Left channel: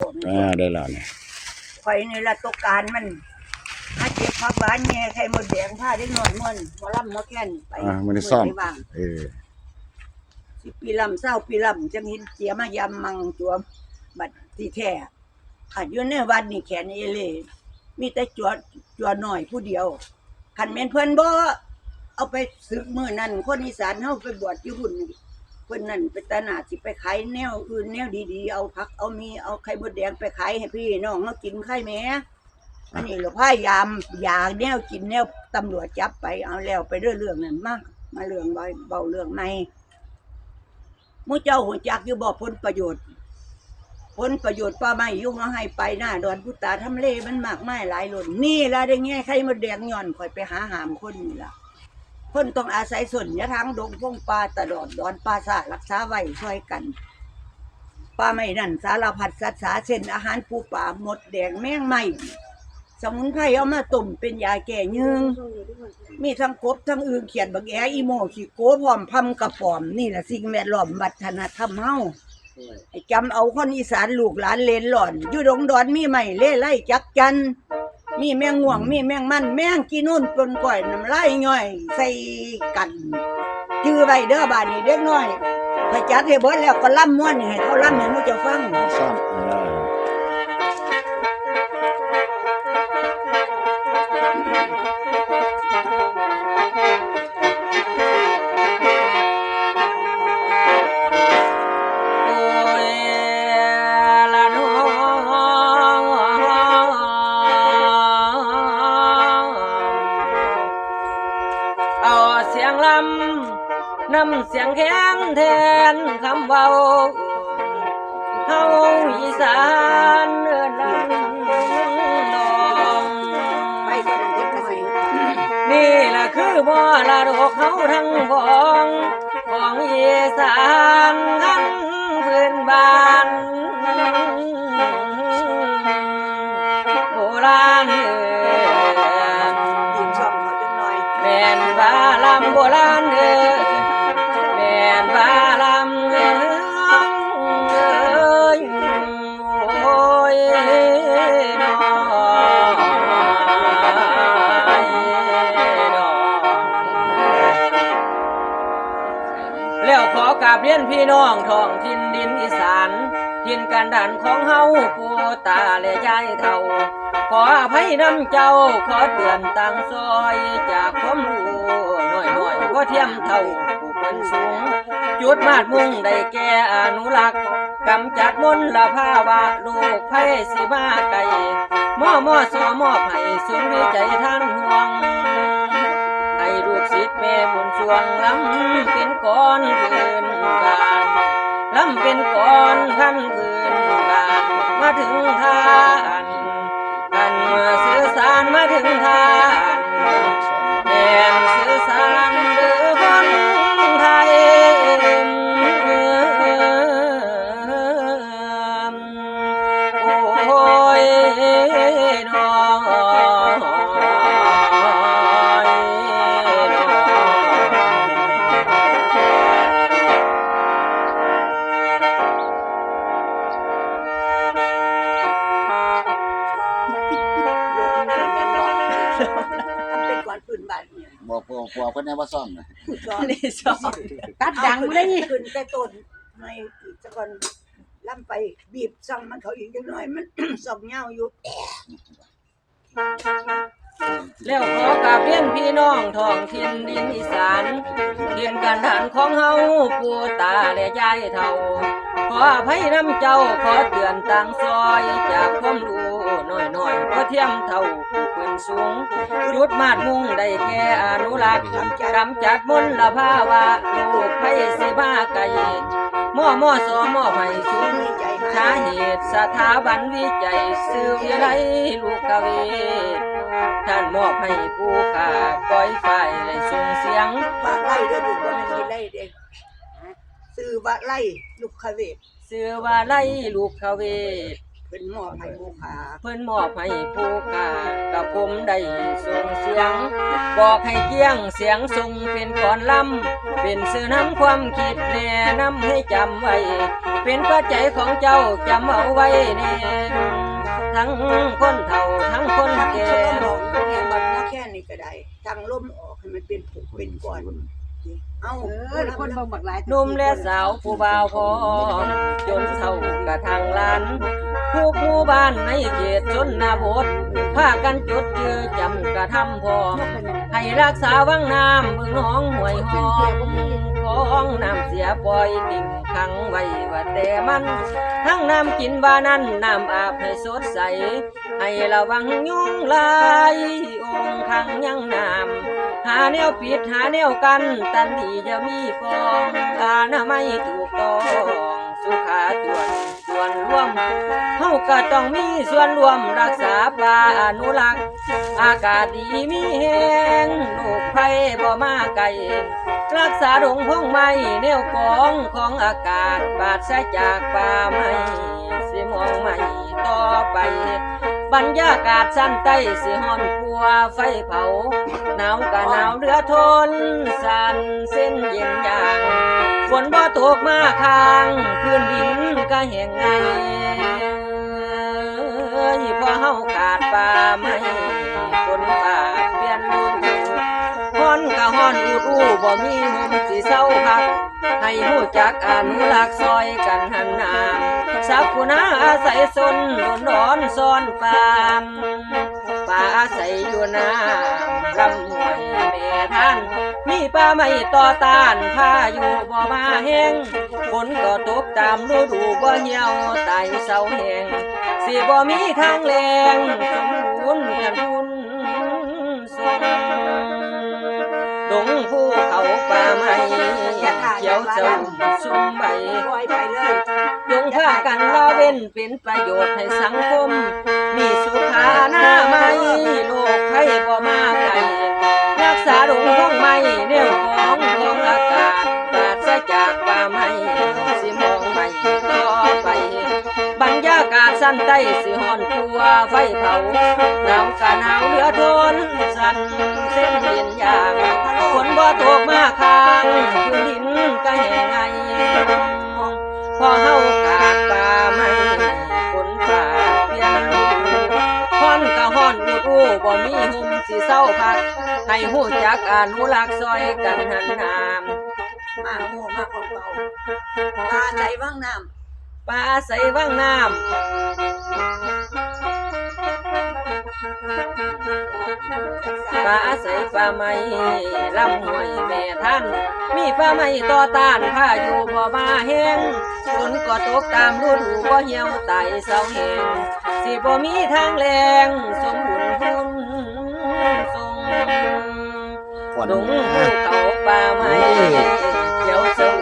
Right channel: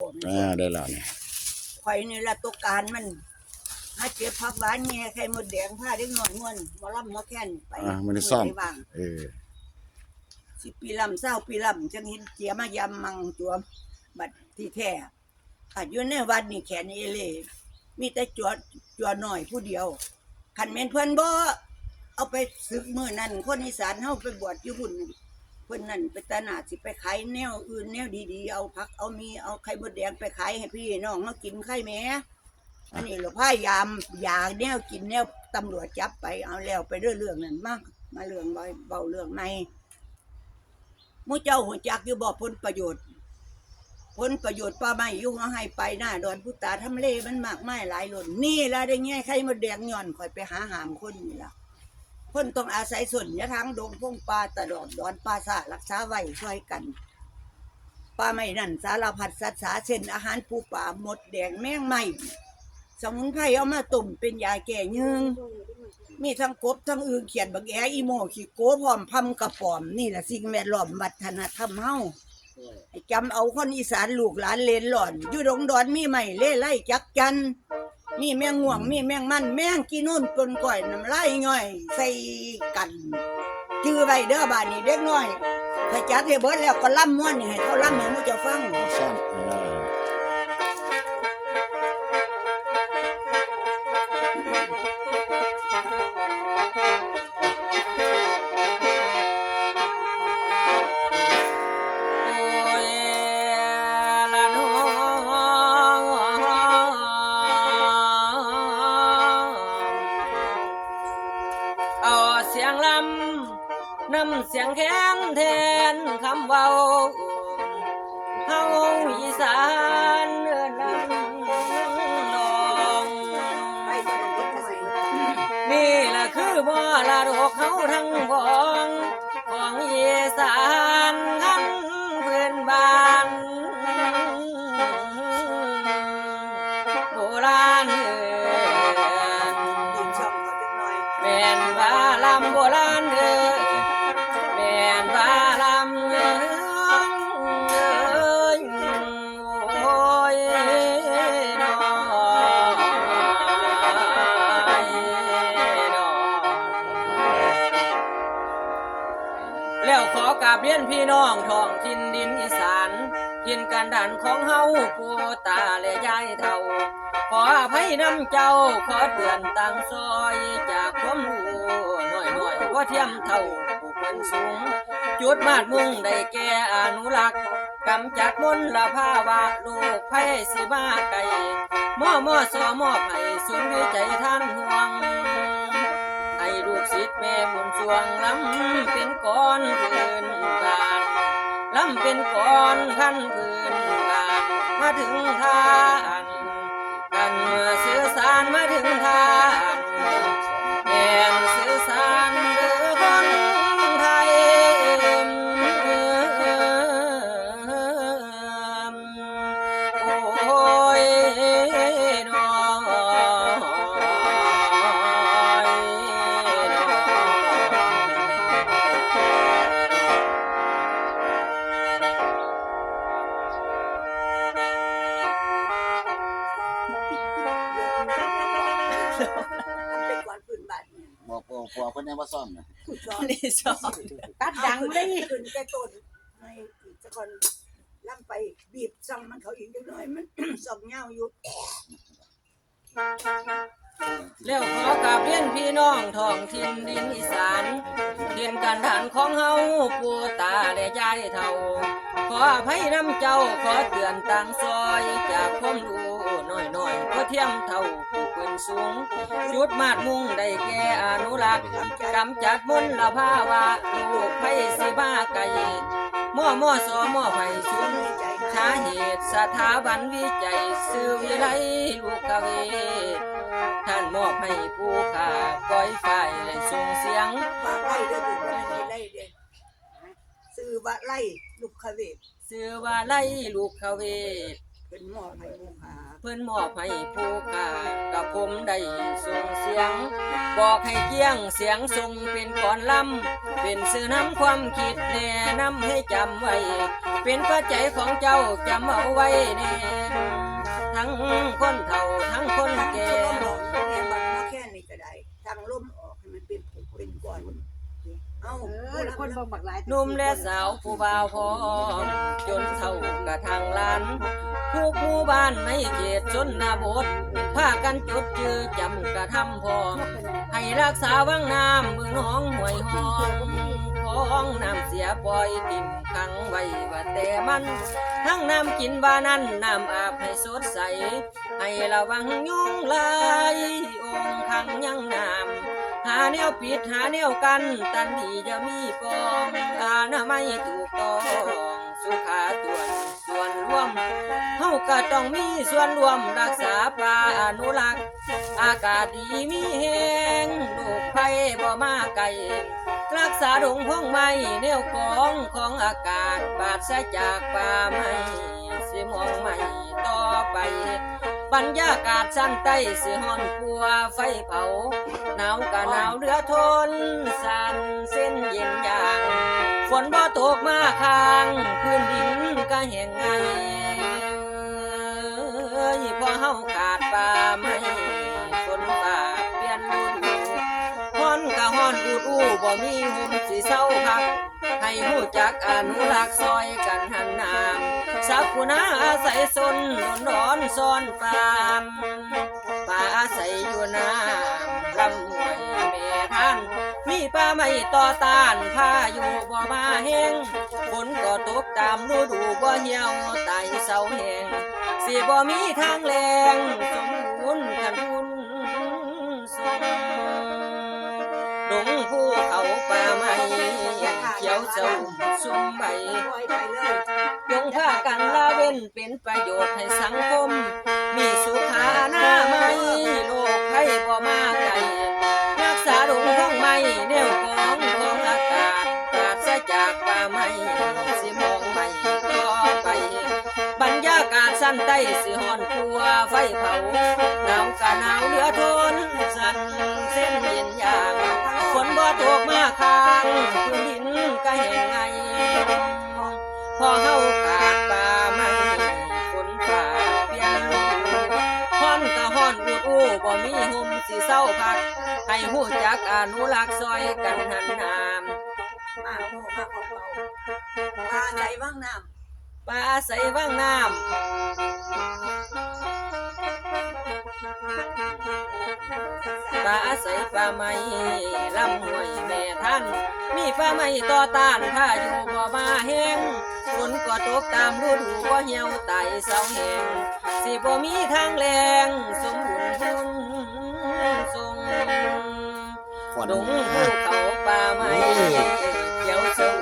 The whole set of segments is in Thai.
ได้แล้วเนี่ยข่อยนี่ละตกการมันหาเก็บผักหวานแง่ไข่มดแดงผ้าเล็กน้อยม่วนหมอลำหมอแค้นไปมันได้ซ่อม10 ปีลำ20 ปีลำจังเห็นเจียมายำมังจัวบัดที่แท้อยู่ในวัดนี่แขนเอเล่มีแต่จัวน้อยผู้เดียวคันแม่นเพิ่นบ่เอาไปศึกมื้อนั้นคนอีสานเฮาไปบวชอยู่หุ่นเพิ่นนั่นไปตลาดสิไปขายแนวอื่นแนวดีๆเอาผักเอามีเอาไข่มดแดงไปขายให้พี่น้องเฮากินไข่แหมอันนี้เราพยายามอยากแนวกินแนวตำรวจจับไปเอาแล้วไปเรื่องนั้นมาเรื่องเบาเรื่องใหม่หมู่เจ้าหูจักอยู่บ่ผลประโยชน์ป่าไม้อยู่เฮาให้ไปหน้าดอนพุตาทำเลมันมากมายหลายล้นนี่ล่ะได้แง่ไข่มดแดงย้อนข่อยไปหาหามคนนี่ล่ะคนต้องอาศัยส่วนยะทางดงพงป่าตลอดดอนป่าซารักษาไว้ช่วยกันป่าไม้นั่นสารพัดสัตว์สาเช่นอาหารปูป่าหมดแดงแมงไม้สมุนไพรเอามาต้มเป็นยาแก้ยืงมีทั้งกบทั้งอึ่งเขียดบักแออีโมขี้โกพร้อมพำกระป๋อมนี่แหละสิ่งแวดล้อมวัฒนธรรมเฮาจำเอาคนอีสานลูกหลานเลนหล่อนอยู่ดงดอนมีไม้เล่ไล่จักจันมีแมงง่วงมีแมงมันแมงกินนู่นปนก่อยน้ำลายย่อยใส่กันจื้อไว้เด้อบ้านนี้เด็กน้อยถ้าจัดให้เบิดแล้วก็ล่ำม่วนให้เขาล่ำให้หมู่เจ้าฟังซ่อมนำเสียงแค้นแทนคำเบาเฮาอีสานเอิ้นดังน้องนี่ล่ะคือมรดกเฮาทั้งของอีสานทั้งพื้นบ้านโบราณแม่นว่าลำโบราณแล้วขอกราบเรียนพี่น้องท้องถิ่นดินอีสานถิ่นกันดานของเฮาปู่ตาและยายเฒ่าขออภัยนำเจ้าขอเตือนตั้งซอยจากความรู้น้อยๆก็เทียมเท่าผู้เป็นสูงจุดมาดมุ่งได้แก่อนุรักษ์กำจัดมลภาวะโรคภัยสิมาไกลมอสมอบให้ศูนย์วิจัยท่านห่วงให้ลูกศิษย์แม่บุญสวงล้ำเป็นก้อนพื้นบ้านล้ำเป็นก้อนขั้นพื้นบ้านมาถึงทานสื่อสารมาถึงทานแดนสื่อสารเดือคนไทยโอ้ยน้องเป็นก่อนพื้นบ้านเนี่ยบอกเพิ่นแน่ว่าซ่อมนะนี่ชอบตัดดังเลยขึ้นแต่ต้นไม่จะก่อนล่ำไปบีบซ่องมันเขาอีกจังหน่อยมัน ซ่องเงาอยู่แล้วขอกราบเรียนพี่น้องท้องถิ่นดินอีสานเรียนกันฐานของเฮาปู่ตาและยายเฒ่าขออภัยน้ำเจ้าขอเตือนต่างซอยจากความรู้น้อยๆก็เทียมเท่าผู้เป็นสูงจุดมาดมุ่งได้แก่อนุรักษ์กำจัดมลภาวะโรคภัยสิมาไกลมอสมอบให้ศูนย์สาเหตุสถาบันวิจัยสื่อวิไลลูกกเวท่านมอบให้ผู้ข่าปล่อยไฟได้ส่งเสียงว่าไล่เด้อลูกว่ามันมีไล่เด็กซื้อว่าไล่ลูกขเวทซื้อว่าไล่ลูกขเวท เพิ่นมอบให้ผู้ขา เพิ่นมอบให้ผู้กากับผมได้ส่งเสียง บอกให้เกี้ยงเสียงทรงเป็นก่อนลำเป็นสื่อนำความคิดแนะนำให้จำไว้ เป็นปัจจัยของเจ้าจำเอาไว้แน่ทั้งคนเฒ่าทั้งคน ทั้ง แก่ ลมออกแค่บัดนักแค่นี้ก็ได้ทั้งลมออกให้มันเป็นผูกเป็นก้อนเอ้า คนบ่บักหลาย หนุ่มและสาวผู้บ่าวพร้อมจนเฒ่ากระทางล้านทุกหมู่บ้านในเขตชนบทพากันจดจือจำกระทำพร้อม ให้รักษาวังน้ำเมืองหนองห้วยหอมของน้ำเสียปล่อยติ่มขังไว้ว่าแต่มัน ทั้งน้ำกินบานั้นน้ำอาบให้สดใส ให้ระวังยุงลายองค์ขังยังน้ำหาแนวปิดหาแนวกันตันดีจะมีปองอนามัยถูกต้องสุขาส่วนร่วมเฮาก็ต้องมีส่วนรวมรักษาป่าอนุรักษ์ อากาศดีมีแห้งโรคภัยบ่มาไกลรักษาดงพงไม้แนวกองของอากาศปราศจากป่าไม้สิมองไม่ต่อไป บรรยากาศซ้ำใต้สิฮ้อนกลัวไฟเผาหนาวก็หนาวเหลือทนสั่นเส้นเย็นอย่างฝนบ่ตกมาค้างพื้นดินก็แห้งไงพอเฮาขาดป่าไม้ฝนฟ้าเปลี่ยนฤดูฮ้อนก็ฮ้อนอูบ่มีลมสิเศร้าพักให้รู้จักอนุรักษ์ซอยกันหันน้ำสักผู้นาอาศัยสนโดนร้อนซ้อนปานป่าอาศัยอยู่น้ำลำห้วยแม่ท่านมีป่าไม้ต่อต้านพายุบ่มาแห้งฝนก็ตกตามฤดูบ่เหี่ยวตายเศร้าแห้งสิบ่มีทางแรงสมบูรณ์กันบุญทรงดงภูเขาป่าไม้เขียวเสมชุ่มใบ ปล่อยไปเลย จงพากันละเว้นเป็นประโยชน์ให้สังคม มีสุขาหน้าไม่โรคภัยบ่มาไกลรักษาดงพงไม้แนวของอากาศปราศจากป่าไม้สิมองไม่ต่อไป บรรยากาศสั้นใต้สิฮ้อนกลัวไฟเผาหนาวกะหนาวเหลือทนสั่นเส้นเย็นอย่างฝนบ่ตกมาค้างพื้นดินก็แห้งไง พอเฮากาดป่าไม้ฝนฟ้าเปลี่ยนฤดูฮ้อนก็ฮ้อนอูบ่มีหุ่มสิเศร้าพักให้ฮู้จักอนุรักษ์ซอยกันหันน้ำ มาโง่มาคนเบาปลาใส่ว่างน้ ป่าใสว่างน้ำ ำ ป่าอาศัยป่าไม้ลำห้วยแม่ท่านมีป่าไม้ต่อต้านพายุบ่มาแห้งฝนก็ตกตามฤดูบ่เหี่ยวตายเศร้าแห้งสิบ่มีทางแรงสมบูรณ์บุญทรง ฝน ดงภูเขาป่าไม้เขียวสง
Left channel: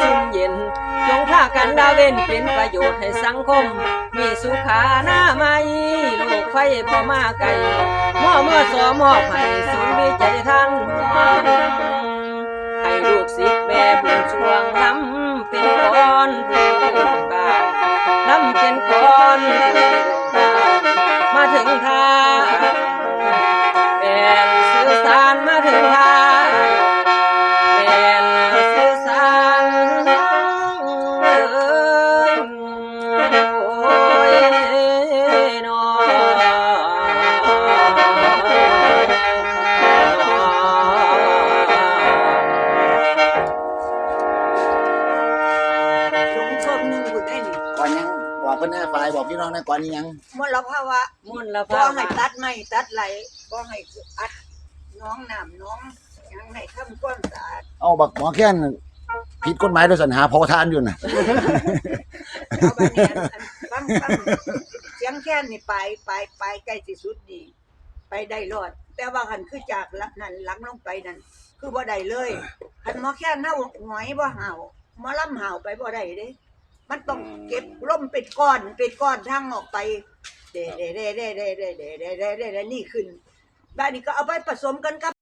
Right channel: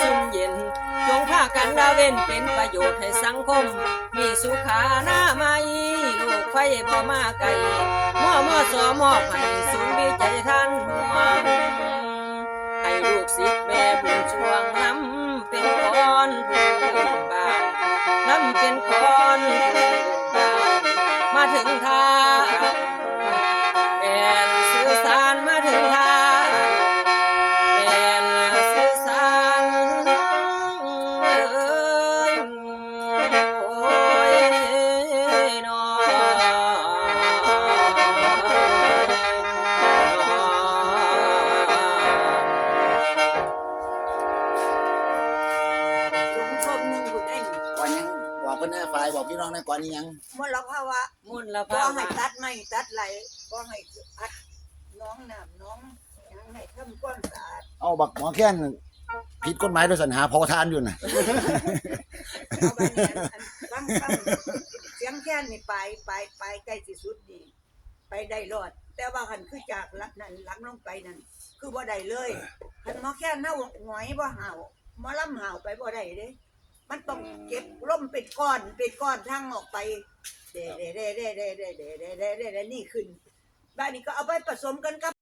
ชุ่มเย็นจงพากันดาเว้นเป็นประโยชน์ให้สังคม มีสุขาหน้าไม่โรคภัยบ่มาไกลมอบให้ศูนย์วิจัยท่านหัวให้ลูกศิษย์แม่บุญช่วงล้ำเป็นก้อนพื้นบ้านล้ำเป็นก้อนพื้นบ้านมาถึงทางเป็นสื่อสารมาถึงทางเป็นสื่อสารโอ้ยนอ หลงเพิ่มหนึงอยู่ได้นี่ ก่อนยังบอกเพิ่นหน้าฝ่ายบอกพี่น้องนะก่อนนี้ยัง มลภาวะ มล บ่ ภา ให้ วะ ตัดไม้ตัดไหลบ่ให้อัดน้องน้ำน้องหยังให้ทำความสะอาด เอาบักหมอแค้นผิดกฎหมายโดยสัญหาพอทานอยู่น่ะ เอาบัดนี้ฟังเสียงแค่นนี่ไปใกล้ที่สุดดีไปได้รอด แต่ว่าคันคือจากหลักนั้นหลังลงไปนั่นคือบ่ได้เลยคันหมอแค่นเฮาหงอยบ่ห่าวหมอลำห่าวไปบ่ได้เด้มันต้องเก็บล่มเป็นก้อนทางออกไปเด้นี่ขึ้นบ้านนี้ก็เอาไปผสมกันกับ